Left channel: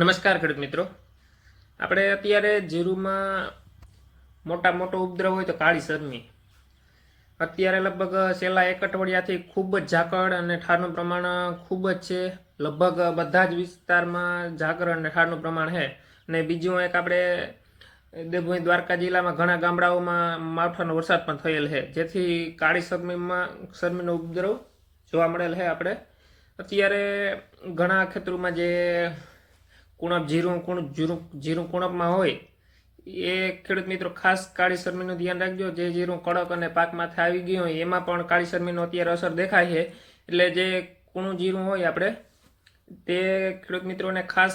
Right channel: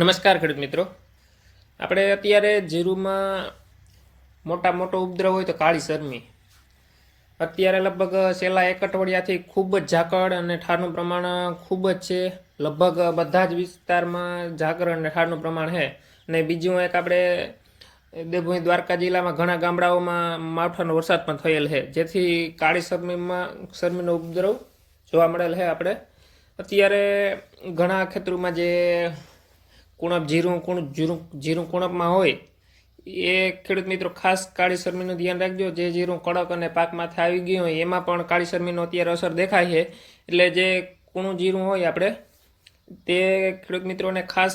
નમસ્કાર ખેડૂત મિત્રો. આપણે અત્યારે જીરુમાં મોટા મોટો ઉપદ્રવ હોય તો કાળી શરમી અત્યારે લગભગ છેલ્લા એક અઠવાડિયાથી ખૂબ જ ઝાકળ અને ઠારનું પ્રમાણ ખૂબ જ છે. લગભગ બધા જ વિસ્તારમાં ઝાકળ અને ઠારનું પ્રમાણ છે. અને બીજું એક આપણે દેવભૂમિ દ્વારકા જિલ્લામાં ઘણા ગામડાઓમાં માવઠાનો વરસાદ પણ થયેલ છે. જેથી કાળી શરમીમાં શરમીનો ઉપદ્રવ જોવા મળેલ છે આપણે. અત્યારે ઘણા ખેતરોમાં જે કુણપ જીરું, કુણ જીરું જીરું કુણપમાં હોય, એ ખેડૂત મિત્રો ખાસ કાળી શરમીનું ધ્યાન રાખજો. જે જીરું કડક અને પાકમાંથી આવી ગયું હોય, એમાં પણ કાળી શરમીનો અત્યારે અસર દેખાય છે. એટલે જે કૂણું જીરું હોય આપણે, તે ખેડૂત મિત્રોને ખાસ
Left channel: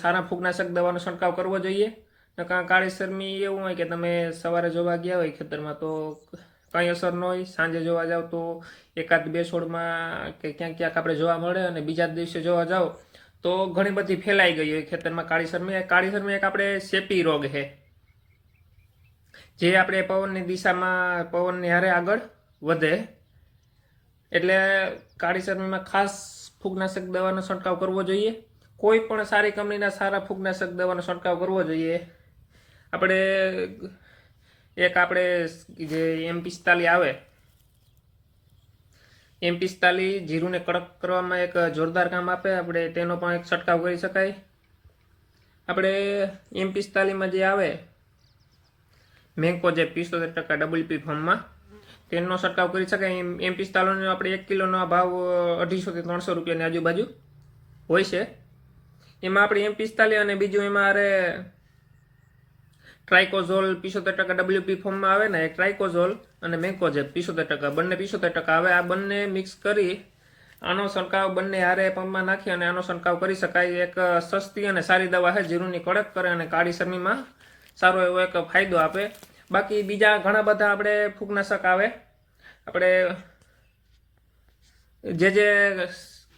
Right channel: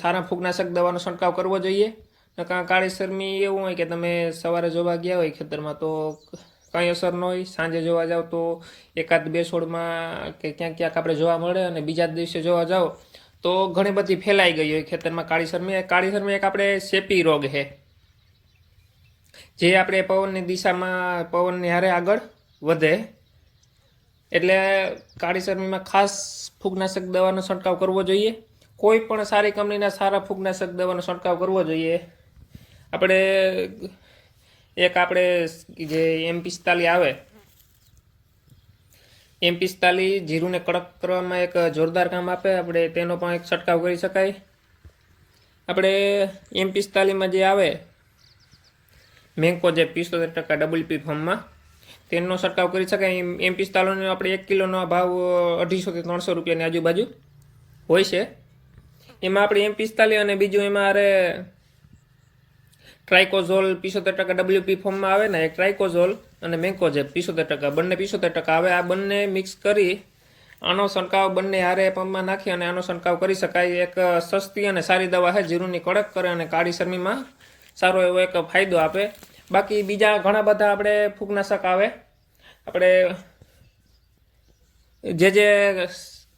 સારા ફૂગનાશક દવાનો છંટકાવ કરવો જોઈએ. નકા કાળી શરમી એવું હોય કે તમે સવારે જોવા ગયા હોય ખેતરમાં, તો કંઈ અસર ન હોય. સાંજે જોવા જાઓ તો એકાદ બે છોડમાં કે ક્યાંક ક્યાંક આપણે જોવા મળે અને બીજા દિવસે જોવા જાઓ. તો ઘણી બધી ફેલાઈ ગઈ હોય ખેતરમાં. કાળી શરમી કાળી શરમી એક આપણે શેપી રોગ છે. જે આપણે પવનની દિશામાં, પવનની હારે આગળ વધે. એટલે કાળી શરમીમાં ખાસ ફૂગનાશક દવાનો છંટકાવ કરવો જોઈએ. કોઈ પણ સારી કંપનીના સારા ફૂગનાશક દવાનો છંટકાવ કરવો જોઈએ. આપણે એક આપણે જે એમ પિસ્તાલી આવે એમ પિસ્તાલીસ જીરુને કડક કરવામાં એક જોરદાર કામ આપે. આપણે તેનો પણ એક છંટકાવ કરી શકાય. આપણે એમ પિસ્તાલીસમાં જે આવે, મેંકો જે પિસ્તોતેર ટકા ડબલ્યુપી ફોર્મમાં, તેનો છંટકાવ કરી શકાય. એમ એમ પિસ્તાલીસનો આપણે એક કિલોનો ભાવ અઢીસોથી ત્રણસો રૂપિયાની આજુબાજુ હોય છે. એમાં આપણે એમ પિસ્તાલીસ અને બીજું એમાં અરે ટ્રાઇકોઝોલ પિસોતેર ટકા ડબલ્યુપી ફોર્મમાં આવે ને, એક ટ્રાઇકોઝોલ અને મેન્કોજેબ પિસોતેર ટકા. બંને પિસોતેર ટકા. આવે આ બંને મિક્સ કરી આનો છંટકાવ બંને હારે પંપમાં નાખી અને આનો છંટકાવ કરી શકાય. એક સસ્તી અને સારી દવા છે, જીરુંની કડક કરે અને કાળી શરમીમાં સારો એવો એક ફાયદો આપે. બાકી બીજા ઘણા બધા આપણે ફૂગનાશક આવે. આપણે જે જે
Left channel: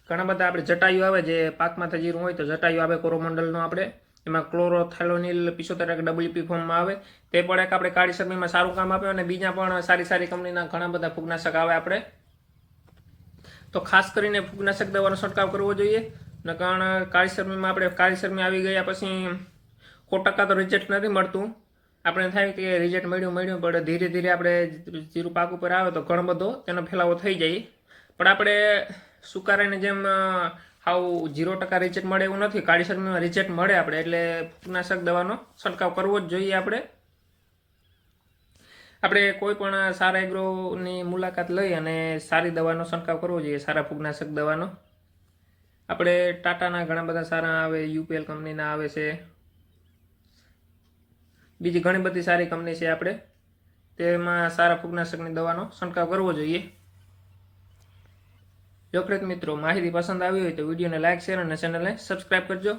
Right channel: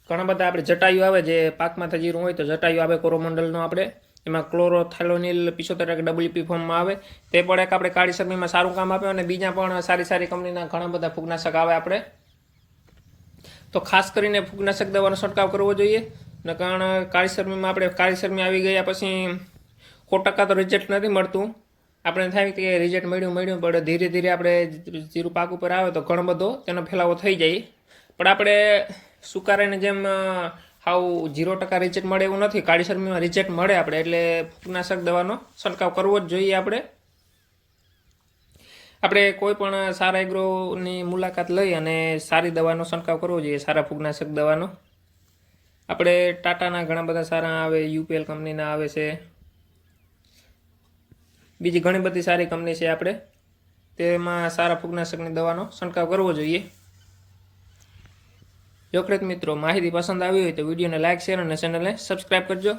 ઘણા બધા આપણે જટાયુ આવે, જે પાકમાંથી જીરું હોય તો જટાયુ આવે કોરોમંડલનું આપણે. એમાં ક્લોરોથેલોનિલ પિસોતેર ટકા ડબલ્યુપી ફોર્મમાં આવે. તે પણ એક આપણે કાળી શરમીમાં સારું કામ આપે અને બીજા પણ સારી સારી કંપનીના ઘણા બધા ફૂગનાશક આવે આપણે. તો ખાસ કરીને ફૂગનાશક દવાનો છંટકાવ કરવો જોઈએ. ને કારણ કાળી શરમીમાં આપણે કાળી શરમી આવી ગયા પછી સો ટકા તો રિઝલ્ટ નથી મળતું. આપણે થાય કે રિઝલ્ટ મળ્યું મળ્યું, પણ ધીરે ધીરે આપણે જીરું પાક ઉપર આવે તો ઘણો બધો તેનો ફેલાવો થઈ જાય. પણ આપણે સુકારાને જેમ હાવ ઝીરો ટકા રિજેક્ટ મળે એવું નથી. કાળી શરમીમાં રિજેક્ટ મળે આપણે. એટલે કીટનાશક દવાનો છંટકાવ કરવો જ જોઈએ આપણે. આપણે કોઈ પણ સારા એગ્રોની મુલાકાત લઈ અને સારી દવાનો છંટકાવ કરવો જોઈએ. સારા ફૂગનાશક દવાનો. આપણે ટાટાના ઘણા બધા સારા આવે, યુપીએલ કંપનીના આવે છે. બીજી ઘણી બધી સારી કંપની છે આપણે. તેમાં સારા ફૂગનાશકની દવાનો છંટકાવ કરવો જોઈએ. જો મિત્રો માહિતી પસંદ આવી હોય તો વિડીયોને લાઇક શેર અને ચેનલને સબસ્ક્રાઈબ કરજો.